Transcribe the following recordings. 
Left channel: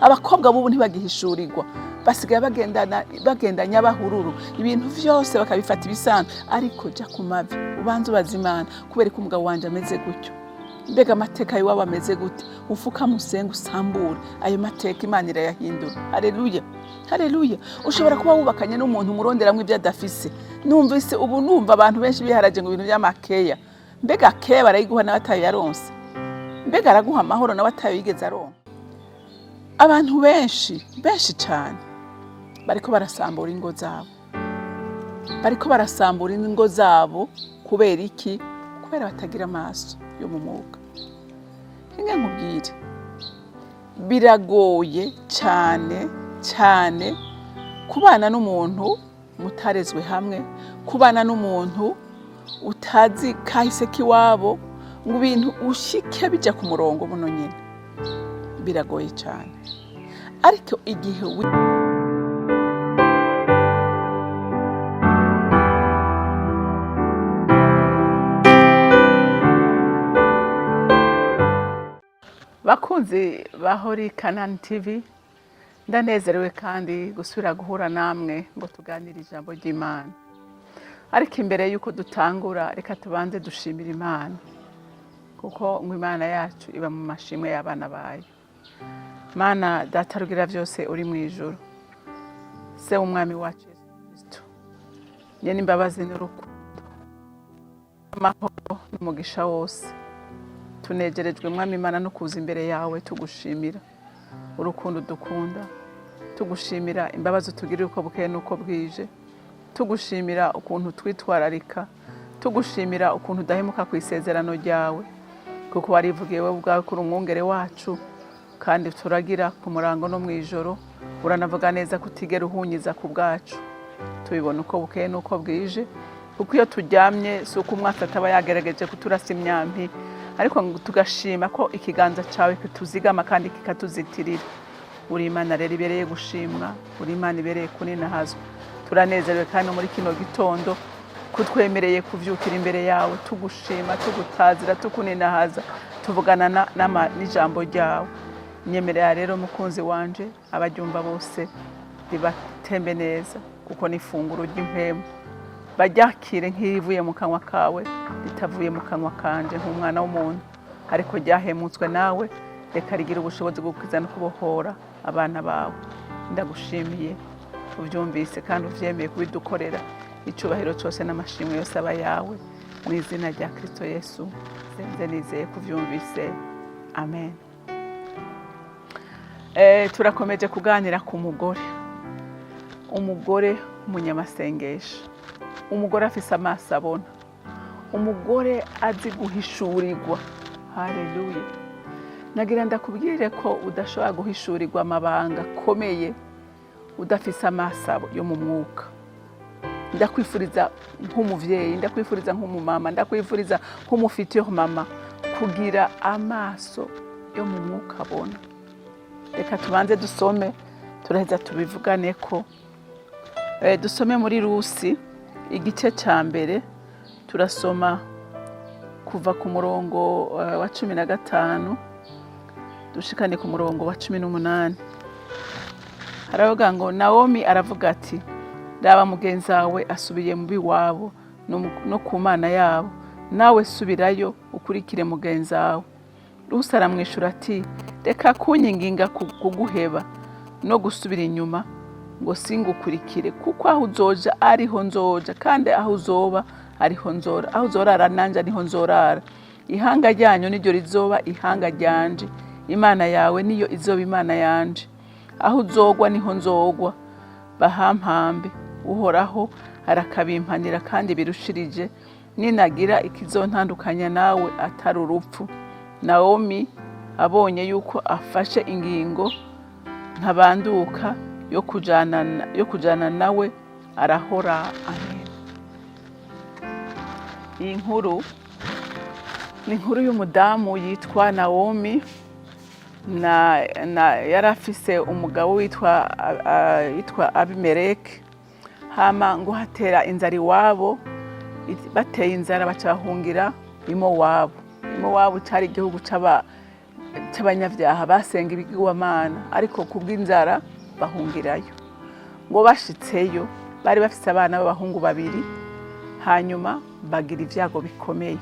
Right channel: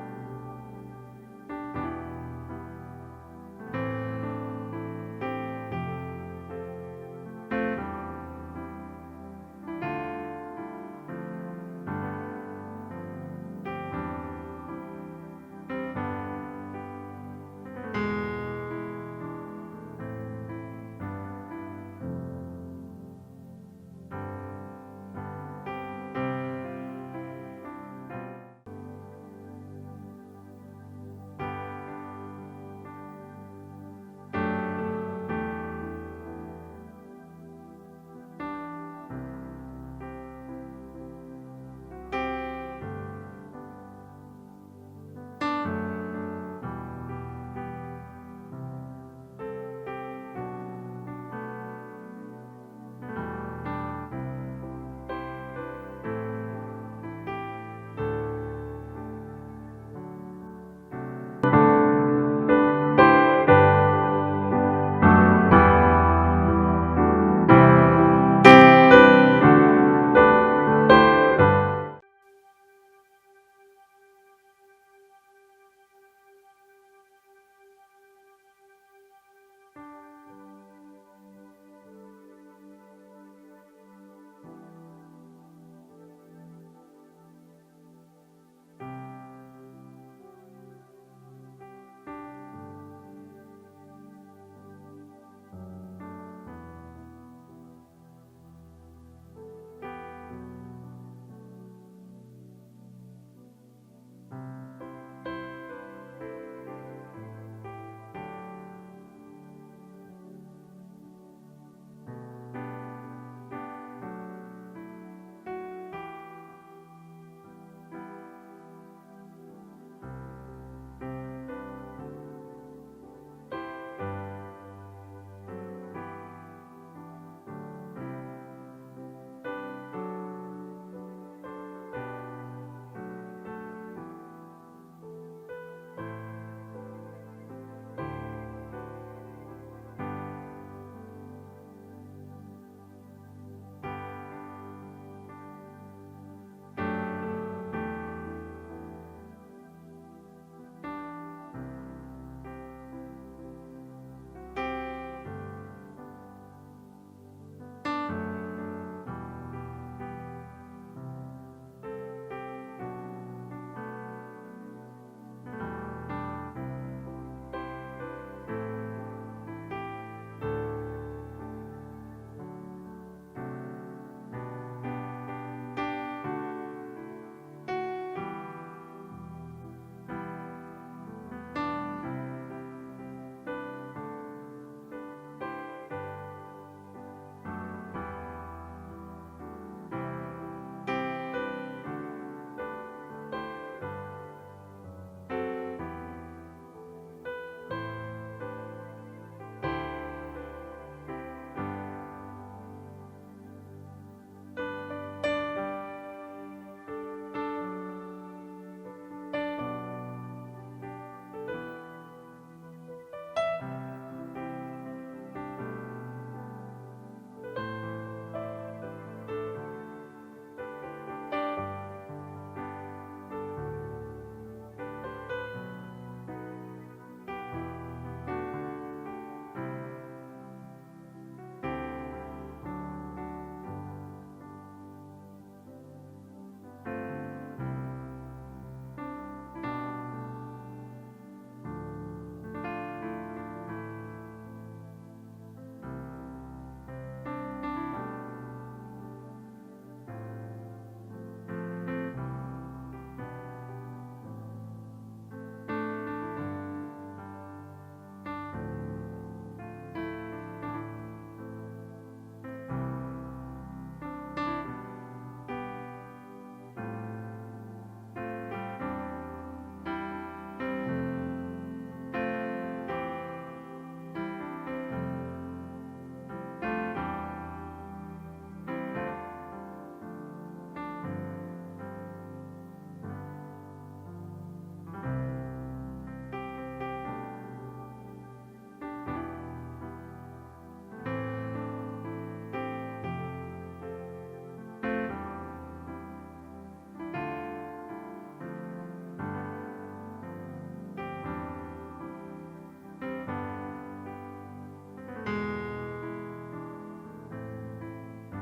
abakobwa bubu ntibagihishurirwa basigaye bagendanya bahururu ibintu vyose bakabifata ibisanzwe ariko ja ku mavi ubanze ubazimana kubera ko umugabo wanje ameze gutyo mbega amateka yiwabo ameze gute ufuka musenga usambure ayo mateka Imana irayahindura. Haleluya haleluya. Ushobora kuba wubakanye n'umuntu muronderamwe ibyo adafise. Numvise ubu numva abantu benshi biharaje ngo ibintu by'amakeya. Mbega keya barayiguha n'abatayo yaronse, mbega araguha amahoro n'abatayo yigeze aronka. Abantu benshi cyane bariko barasambura ingo zabo kubera iki? Kubera batagira amaso yo mu mwuga. Inge nkubwire biragoye cyane kubana n'umuntu mutarezwe hamwe, kubana n'umuntu utazi kahise kiwabo, ngo ibintu ushike bija ku murongo muno nyene biragoye cyane. Ariko igihe bakunzi bahori Kanani TV, ndanezerewe kandi gusubira guhura namwe ngo tuganire ijambo ry'Imana. Ariko imbere yuko dutangura reka tubanze dushimira Imana, kuko ngo Imana yacu iba mu mashimwe y'abana bayo. Mana data rugira byose uri mu ijuru, se umwami wacu Kristo, nyene imbabazi n'urukundo, amahoro n'umugisha wose, tunegerejwe mwami Imana no kuza imbere yawe tugushimira urukundo dukunda, tugushimira imbabazi utugirira uko bukeye nuko bwije, tugushimira ukuntu twitwararika, tugushimira ukuntu udahemuka ku isezerano ryawe, kuko warivugiye wowe ubwawe kuri umwungere wacu, kandi turagira ku murango no mu ijoro, uranavuga neza kutigera uhunyiza ku bwacu. Tubibona uko bukeye nuko bwije, kuko iyo turyamye si uko umwaka ataba yagerageje kuturasa imyambi, ariko tugashima ko ikiganza cyawe kituzigama kandi kikatuzitirira. Uri Imana rero ibereye gushimwa, uri Imana ibereye kuninahazwa. Turanezerewe kandi muri kino gitondo kutwemereye kuvyukira imbere yawe tugushima, tugutazira, tukuninahaza, tuvugana n'ijambo ryawe. Nyemerera rero mukunzi wanje abaryumva bose ribatembe neza, kuko n'ifunguro ry'impemu baryakire nk'ivuye mu kanwa kawe, ritavuye mu kanwa kanje nk'umwana w'umuntu, ariko ryahemutswe nawe. Reka rigira ubushobozi bwo kwiza no kubohora abana bawe. Ndagushimiye ubyumvise kandi uvyemeye kubidukorera. Icubahiro cyose n'amashimwe yose aba yawe, mu izina rya Kristo Yesu senze nizeye kuvyumvise, amen. Turakomeje kuganira ku umugore umunyamasengesho, umugore afise amaso abona, umugore azi guhishurirwa. Haleluya. Nagira ndakubwire ko udashobora guhishurirwa amabanga akomeye udafise amaso yo mu mwuka. Ndakwifuriza nk'umuvyeyi, ndakwifuriza nk'umumama, ndakwifuriza nk'umufitiye mama kugira amaso yo mu mwuka abona. Reka tubanze dusome, turaheza tubivugane ko dusome muri Rusi igice ca mbere, turasoma kuva ku murongo wa 15 dushikane ku murongo wa 18. Haravuga ngo Naomi aravuga ati, raba mugenzi wawe asubiye mu biwabo no ku Mana yabo, nawe subirayo ukurikire mugenzi wawe. Rusi aramwishura ati, reka kunyinginga kuguheba no gusubira inyuma ngo singukurikire, kuko aho uzoja ariho nzoja, kandi aho uzoba ariho nzora, aho uzorara nanje niho nzorara. Ihanga ryanyu niryo rizoba ihanga ryanje, Imana yawe niyo izoba Imana yanje. Aho uzogwa niho nzogwa, bahampambe. Uhoraho arakabimpanira kandi birushirije, ninagira ikizontandukanya nawe atari urupfu. Naomi abonye yuko afashe ingingo ntabanduka yo kujana nawe, arahora. Amen. Iyi nkuru ni inkuru y'umudamu yitwa Naomi, yarafise umugabo witwa Abimeleki. Hama ngo hatera inzara iwabo, bateye inzara bacahungira Mowabu. Mowabu cyari igihugu cy'abanyabyaha basenga ibigirwamana ariko kubw'inzara bahungirayo. Ngo bashitseyo bari bafite abana b'abahungu babiri, hanyuma bagira ibyago bikomeye.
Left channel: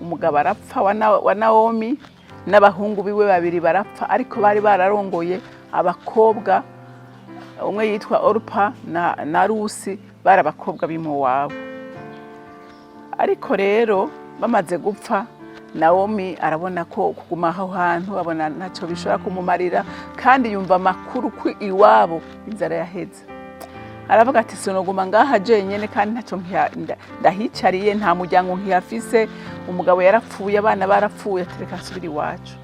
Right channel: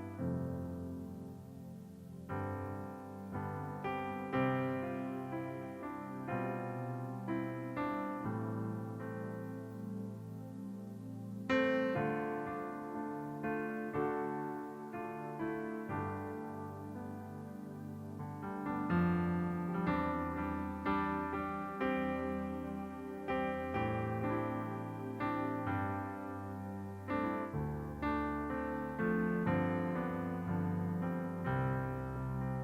Umugabo arapfa wa Naomi n'abahungu biwe babiri barapfa, ariko bari bararongoye abakobwa, umwe yitwa Orupa na Rusi, bari abakobwa b'Imowabu. Ariko rero bamaze gupfa, Naomi arabona ko kuguma aho hantu abona ntacyo bishobora kumumarira, kandi yumva amakuru ko iwabo inzara yaheze. Aravuga ati sinoguma ngaha jenyene kandi ntacyo ndahicariye, nta muryango nkihafise, umugabo yarapfuye, abana barapfuye, atereka asubira iwacu.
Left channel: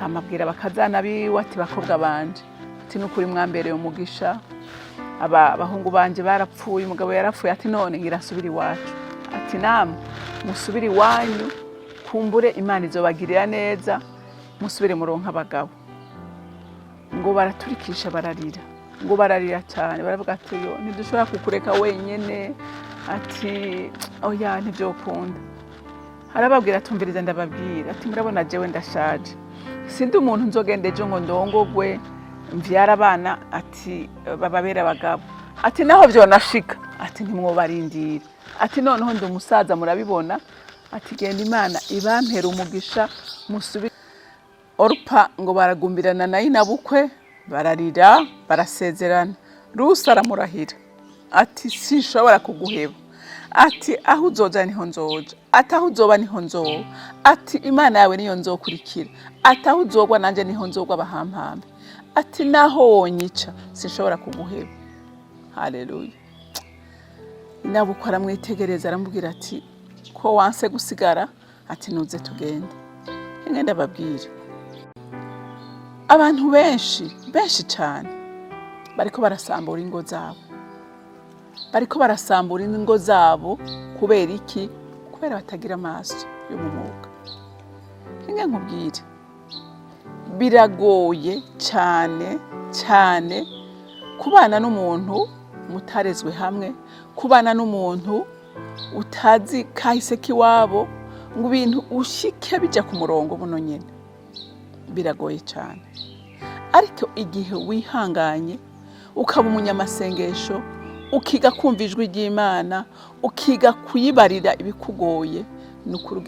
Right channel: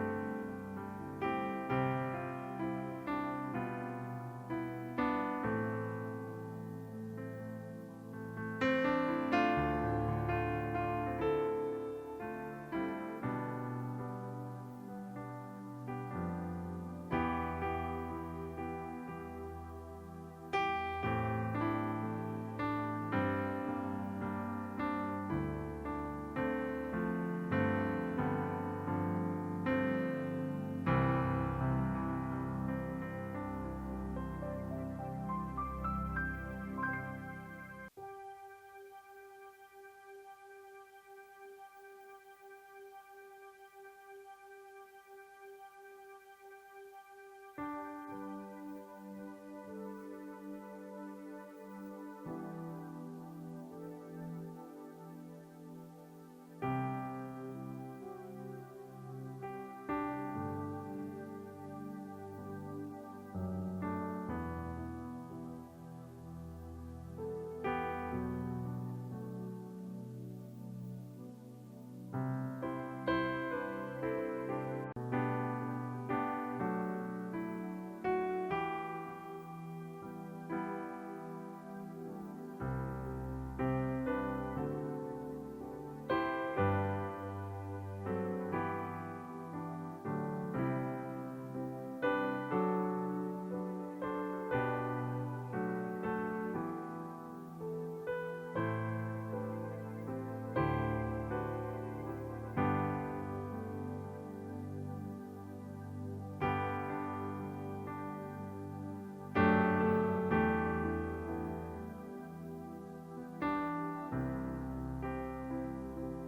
Hamabwira bakazana biwe ati bakobwa banje, ati nukuri mwambereye umugisha, abahungu banje barapfuye, umugabo yarapfuye, ati none ngira asubira iwacu. Ati namwe musubire iwanyu, kumbure Imana izobagirira neza, musubire muronka abagabo. Ngo baraturikisha bararira, ngo bararira cyane, baravuga ati yo ntidushobora kukureka wenyene, ati oya ntibyokunda. Arababwira atumbiriza ndababwira, ati murabona jewe ndashaje, sindi umuntu nzogende ejo ngo ndongogwe mvyara abana ati bababera abagabo. Ati naho vyonashika, ati ntimwobarindira, ati noneho ndi umusaza murabibona, ati genda Imana ibampera umugisha musubire. Orupa ngo baragumbirana nayo nabukwe, bararira barasezerana. Rusi aramurahira ati sinshobora kuguheba, ati aho uzoja niho nzoja, ati aho uzoba niho nzoba, ati Imana yawe niyo nzokurikira, ati aho uzogwa nanje niho nzogwa bahampambe, ati naho wonyica sinshobora kuguheba. Haleluya. Nabukwe aramwitegereza aramubwira ati ko wanse gusigara, ati nuze tugende. Ngenda babwira abantu benshi cyane bariko barasambura ingo zabo, bariko barasambura ingo zabo kubera iki? Kubera batagira amaso y'umwuka. Nkubwire biragoye cyane kubana n'umuntu mutarezwe hamwe, kubana n'umuntu utazi kahise kiwabo, ngo ibintu ushike bijya ku murongo buno nyene, biragoye cyane. Ariko igihe wihanganye ukaba umunyamasengesho, ukiga kumva ijwi ry'Imana, ukiga kuyibarira ibikugoye, nukuri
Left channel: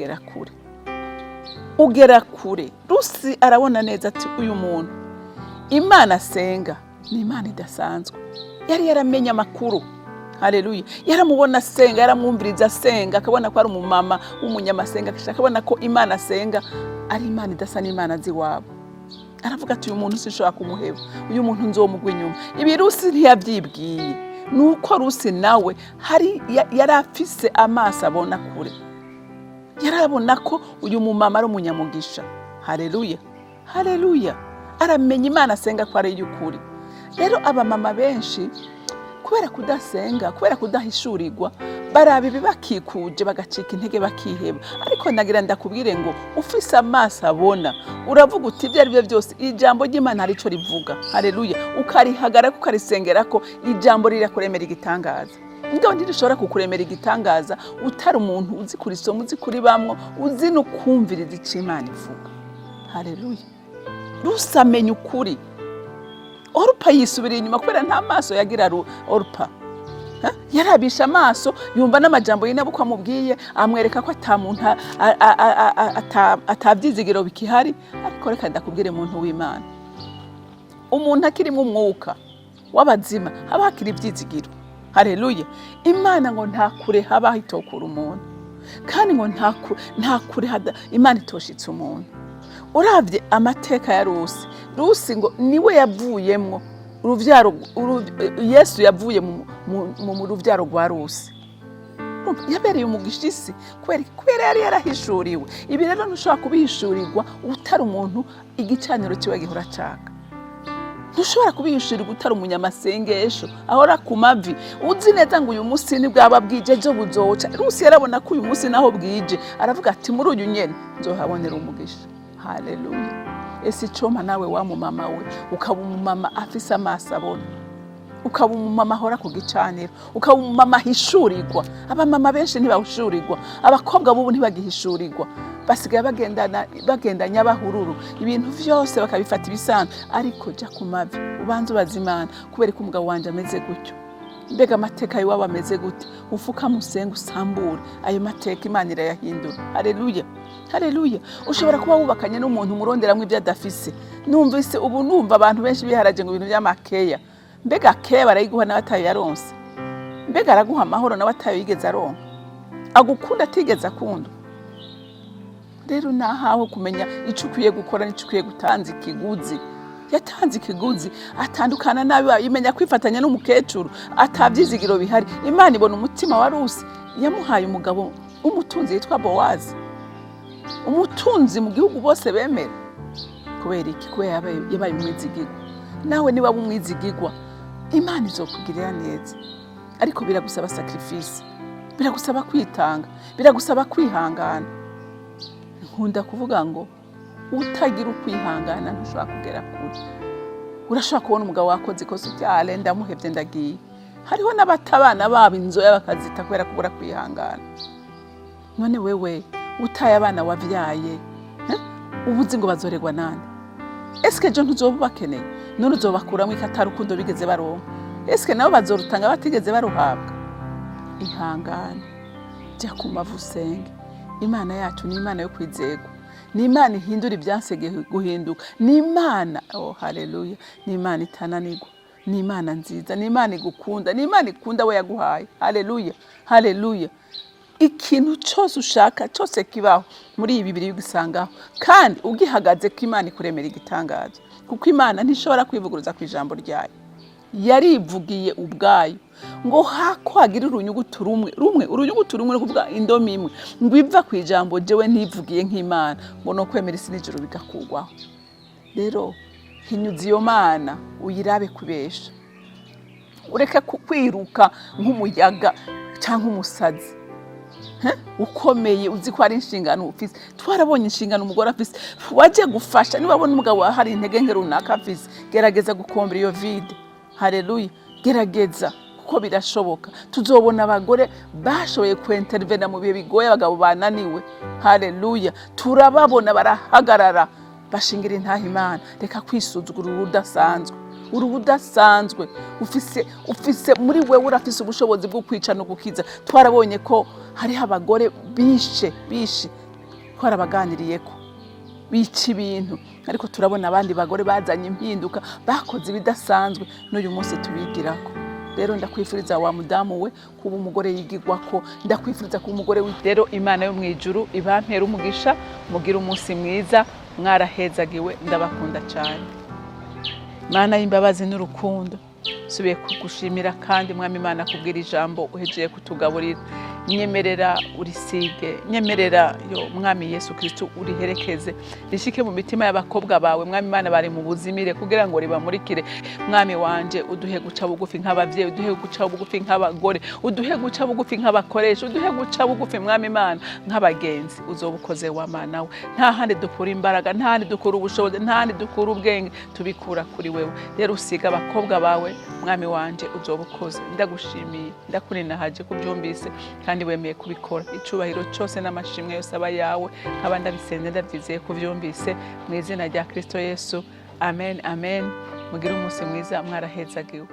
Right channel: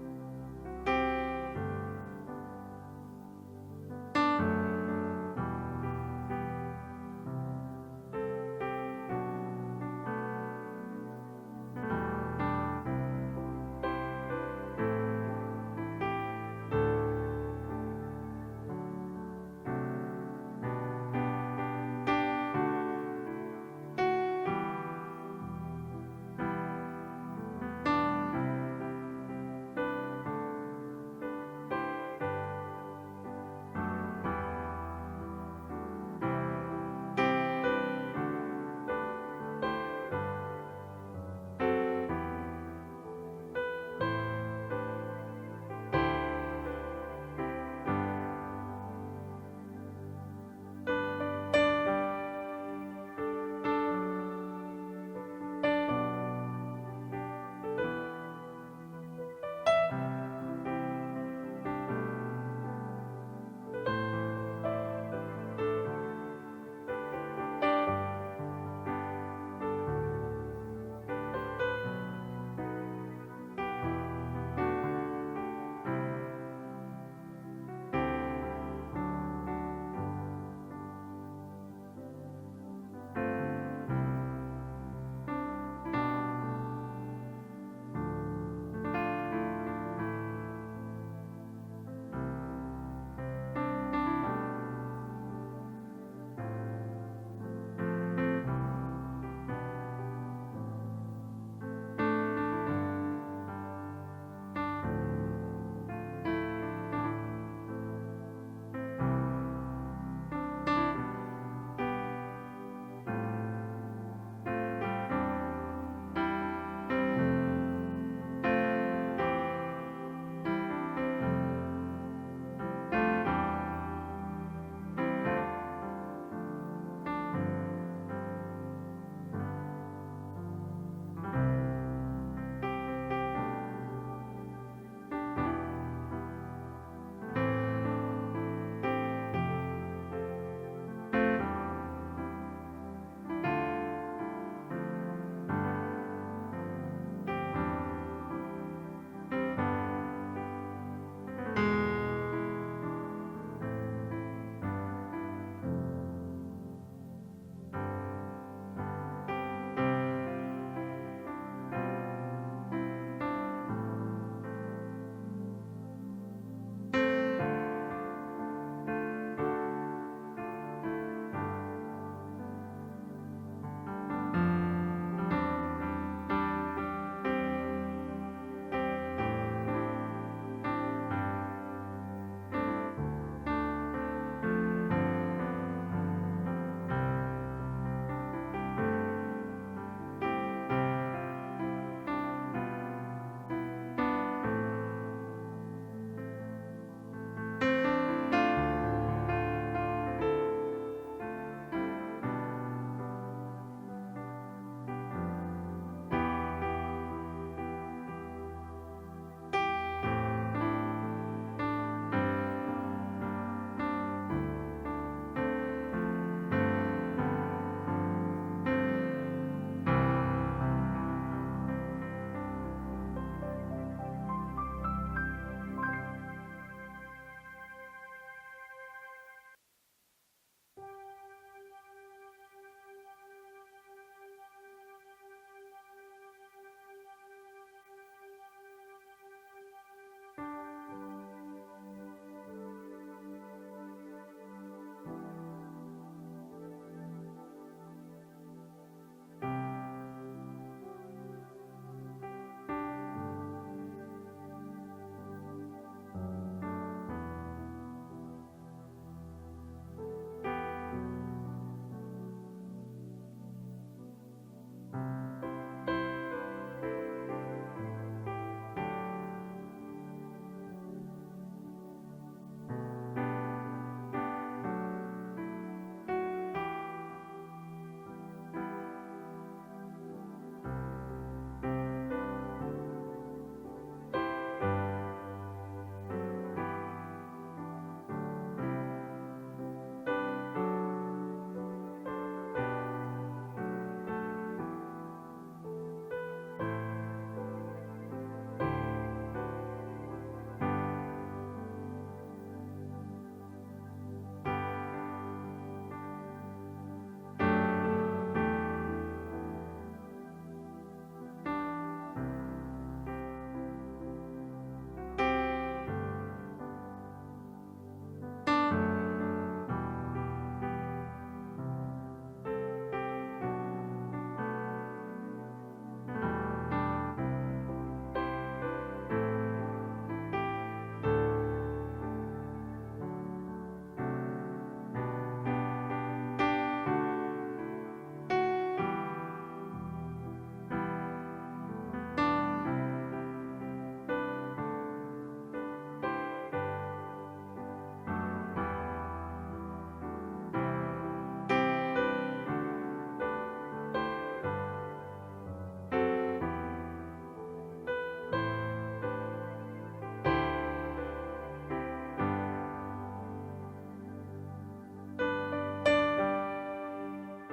ugera kure. Rusi arabona neza ati uyu muntu Imana asenga ni Imana idasanzwe. Yari yaramenye amakuru. Haleluya. Yaramubona asenga, yaramwumviriza asenga, akabona ko ari umumama w'umunyamasenga, akabona ko Imana asenga ari Imana idasa n'Imana ziwabo. Aravuga ati uyu muntu sinshobora kumuheba, uyu muntu nzomugwa inyuma. Ibi Rusi ntiyabyibwiye, nuko Rusi nawe yari afise amaso abona kure, yarabona ko uyu mumama ari umunyamugisha. Haleluya. Aramenya Imana asenga ko ari y'ukuri. Rero abamama benshi kubera kudasenga, kubera kudahishurirwa, baraba ibi bakikuje bagacika intege bakiheba. Ariko nagira ndakubwire ngo ufise amaso abona, uravuga uti ibyo ari byo byose ijambo ry'Imana arico rivuga. Haleluya. Ukarihagarara ukarisengera ko ijambo rirakuremera igitangaza. Ngo ndishobora kukuremera igitangaza utari umuntu uzi kurisoma, uzi kuribamwo, uzi no kumviriza icyo Imana ivuga. Haleluya. Rusamenya ukuri. Orupa yisubira inyuma kubera nta maso yagira Orupa. Yarabisha amaso, yumva n'amajambo y'inabukwe amubwiye, amwereka ko atamuntu atabyizigiro bikihari. Ariko reka ndakubwire muntu w'Imana, umuntu akirimo umwuka w'abazima haba hakiri ibyizigiro. Haleluya. Imana ngo nta kure haba hitokura umuntu, kandi ngo nta kure Imana itoshitse umuntu. Uravye amateka ya Rusi ngo niwe yavuyemwo uruvyaro, Yesu yavuye mu ruvyaro rwa Rusi. Yabereye umugisha isi kubera yari yarahishuriwe. Ibi rero ntushobora kubihishurirwa utari umuntu igicaniro kiwe gihora caka. Ntushobora kubihishurirwa utari umunyamasengesho ahora ku mavi, uzi neza ngo uyu munsi ni bwaba bwije ejo buzoca. Rusi yarabona ko uyu munsi naho bwije, aravuga ati muri uyu nyene nzohabonera umugisha. Haleluya. Ese icoma nawe wa mumama we ukaba umumama afise amaso abona, ukaba umumama ahora ku gicaniro, ukaba umumama ahishurirwa. Abamama benshi ntibahushurirwa, abakobwa bubu ntibagihishurirwa, basigaye bagendanya bahururu, ibintu vyose bakabifata ibisanzwe. Ariko jya ku mavi ubanze ubaza Imana, kubera ko umugabo wanje ameze gutyo, mbega amateka yiwabo ameze gute, ufuka musenga usambure ayo mateka, Imana irayahindura. Haleluya, haleluya. Ushobora kuba wubakanye n'umuntu umuronderamwe ibyo adafise. Numvise ubu numva abantu benshi biharaje ngo ibintu by'amakeya. Mbega keya barayiguha nawe atayo yaronse? Mbega araguha amahoro nawe atayo yigeze aronka? Agukunda atigeze akunda? Rero nahawe kumenya ico ukwiye gukora n'ico ukwiye gutanza ikiguzi. Yatanze ikiguzi, atandukana nabi, yimenya kwifatanya n'umukecuru, atavyizigiro bihari. Imana ibona umutima wa Rusi, yamuhaye umugabo umutunzi yitwa Bowazi, umutunzi mu gihugu bose bemera. Kubera iki? Kubera yabaye umwizigirwa. Nawe niba umwizigirwa, Imana izokugirira neza. Ariko biragusaba sacrifice, biragusaba kwitanga, biragusaba kwihangana. Nkunda kuvuga ngo utagira ukwihangana ntushobora kugera kure. Urashobora kubona umugabo wakoze ikosa ubyale ndamuhevye ndagiye. Hariho n'abatabana babo inzoya bakazita kubera kubura kwihangana. None wewe utaye abana wavyaye, ubuzi ngo bazoregwa nande? Eske jo ntuzobubakeneye? None uzobakuramo ikatari ukundo bigeze baronka? Eske nabo bazorutanga batigeze baruhabwa? Ihangane, jya ku mavu usenge. Imana yacu ni Imana yo kwizerwa, ni Imana ihindura ibyansege guhinduka, ni Imana, oh haleluya, ni Imana itananirwa, ni Imana nziza, ni Imana igukunda, ni Imana ikunda we yaguhaye. Haleluya, haleluya. Ikintu cyose ushaka cyose kibaho muri ibi bibiri ugisangaho, kandi ugihagaze ko Imana ikuremera igitangaza, kuko Imana ntishobora kwivuguruza ku ijambo ryayo. Yarivugiye ubwayo ngo hakwagira urunyugutu rumwe urunyugutu rumwe no kuvuga indomi imwe ngo iva ku ijambo jewe ntivugiye nk'Imana ngo no kwemera isi n'ijuru bigakugwaho. Rero hinyuza iyo Mana uyirabe kubesha, ureke kwiruka nk'umuyaga cyangwa umusazi ukomeye uzi ko ari inshingano ufise. Twarabonye inshingano umugore afise, waje gufasha. Niba abona umugabo hari intege nke runaka afise, gerageza gukombera iyo vide. Haleluya, gerageza kuko birashoboka. Tuzobona abagore bashoboye kwentervena mu bihe bigoye abagabo bananiwe. Haleluya, turababona barahagarara bashingira intaha Imana. Reka kwisuzugura urudasanzwe, urubudasanzwe ufise muri wewe, urafise ubushobozi bwo kwica no gukiza. Twarabonye ko hari abagore bishe twarabaganiriyeko bica ibintu, ariko turabona abandi bagore bazanye impinduka, bakoze ibidasanzwe, n'uyu munsi tubigirako. Rero ndakwifuriza wa mudamu we kuba umugore yigirwako, ndakwifuriza kuba umugore rero Imana yo mwijuru ibampera umugisha, mugira umunsi mwiza, mwarahezagiwe, ndabakunda cyane. Mana y'imbabazi n'urukundo, subiye kugushimira kandi Mwami Imana kubwira ijambo uhejeye kutugaburira. Nyemerera urisige, nyemerera yo Mwami Yesu Kristo uriherekeze, rishike mu mitima y'abakobwa bawe Mwami Imana bari mu buzimire, kugira ngo ribamurikire. Mwami wanje uduhe guca bugufi nk'abavyeyi, uduhe guca bugufi nk'abagore, uduhe guca bugufi nk'abakoresha, uduhe guca bugufi Mwami Imana nk'abagenzi. Uzobukoze wa Mana we, nta handi dukura imbaraga, nta handi dukura ubushobozi, nta handi dukura ubwenge, tubikura kuri wewe. Rero usiga abakobwa bawe Mwami wanje, uzobukoze. Ndagushimiye, ndakurinahaje kubyumvise kandi wemeye kubikora. Icubahiro cyose n'amashimwe yose aba yawe, nkaba ndabisenze ndabyizeye kubyumvise mu izina rya Kristo Yesu. Amen, amen. Mugire umunsi mwiza, mwarahezagiwe.